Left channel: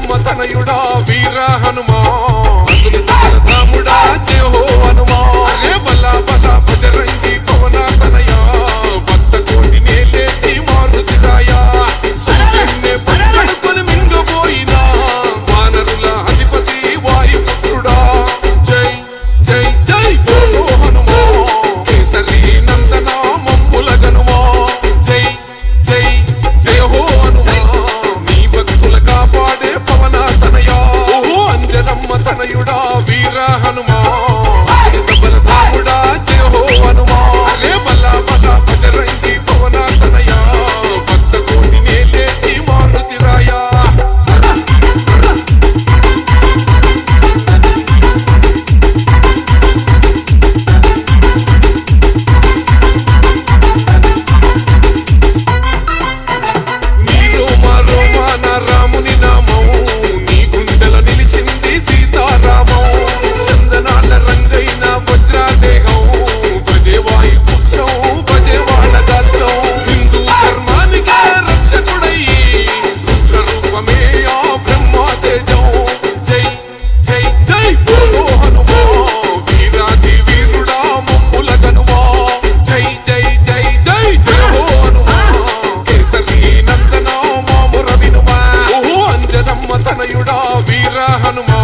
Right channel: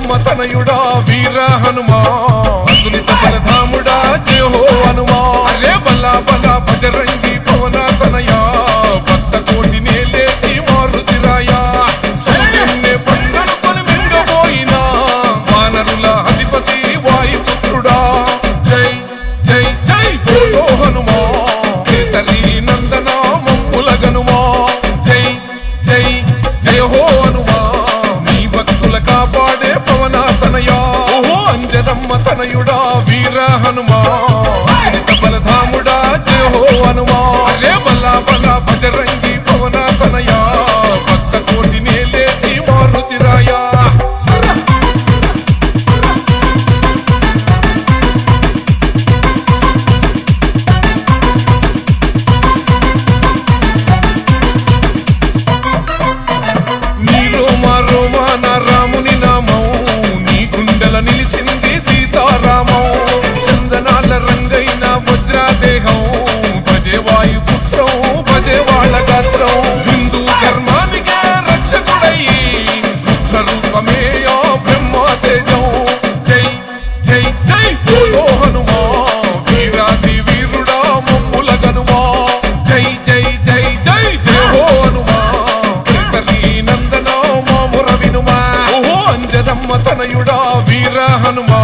అంజనమ్మ తనయుడా వీర హనుమా అతులిత బలధాముడా జయ హో హనుమా అరే బలా బలా బజరంగి పవన తనయా భక్త కోటి నేలేటి మారుతిరాయా సూర్యున్నే పంగడుకొని మింగబోయినా వానరుల అధిపతి వాయుపుత్రుడా జై జై జై బోలో హనుమా కేసరి నందన మమ్ముల గనుమా జై జై జయ హో హనుమా నీ భక్తుల కాపాడే పవన తనయా ఓహో అంజనమ్మ తనయుడా వీర హనుమా అతులిత బలధాముడా జయ హో హనుమా అరే బలా బలా బజరంగి పవన తనయా భక్త కోటి నేలేటి మారుతిరాయా నీ రోమా రోమా నా రాముని నామం నీ గుండెల నిలిచింది సీతారామం చందనాల రంగైన వజ్రాదేహం భజే వాయుపుత్రం భజే వాళ్ళ గాత్రం హిందూ ధర్మానికే రక్షకుడయ్యి రుద్ర రూపమే ఆ బ్రహ్మ తేజం జై జై జై బోలో హనుమా వీరాది వీరుడా మమ్ముల గనుమా జై జై జై జై జయ హో హనుమా కేసరి నందన మాముర వినుమా ఓహో అంజనమ్మ తనయుడా వీర హనుమా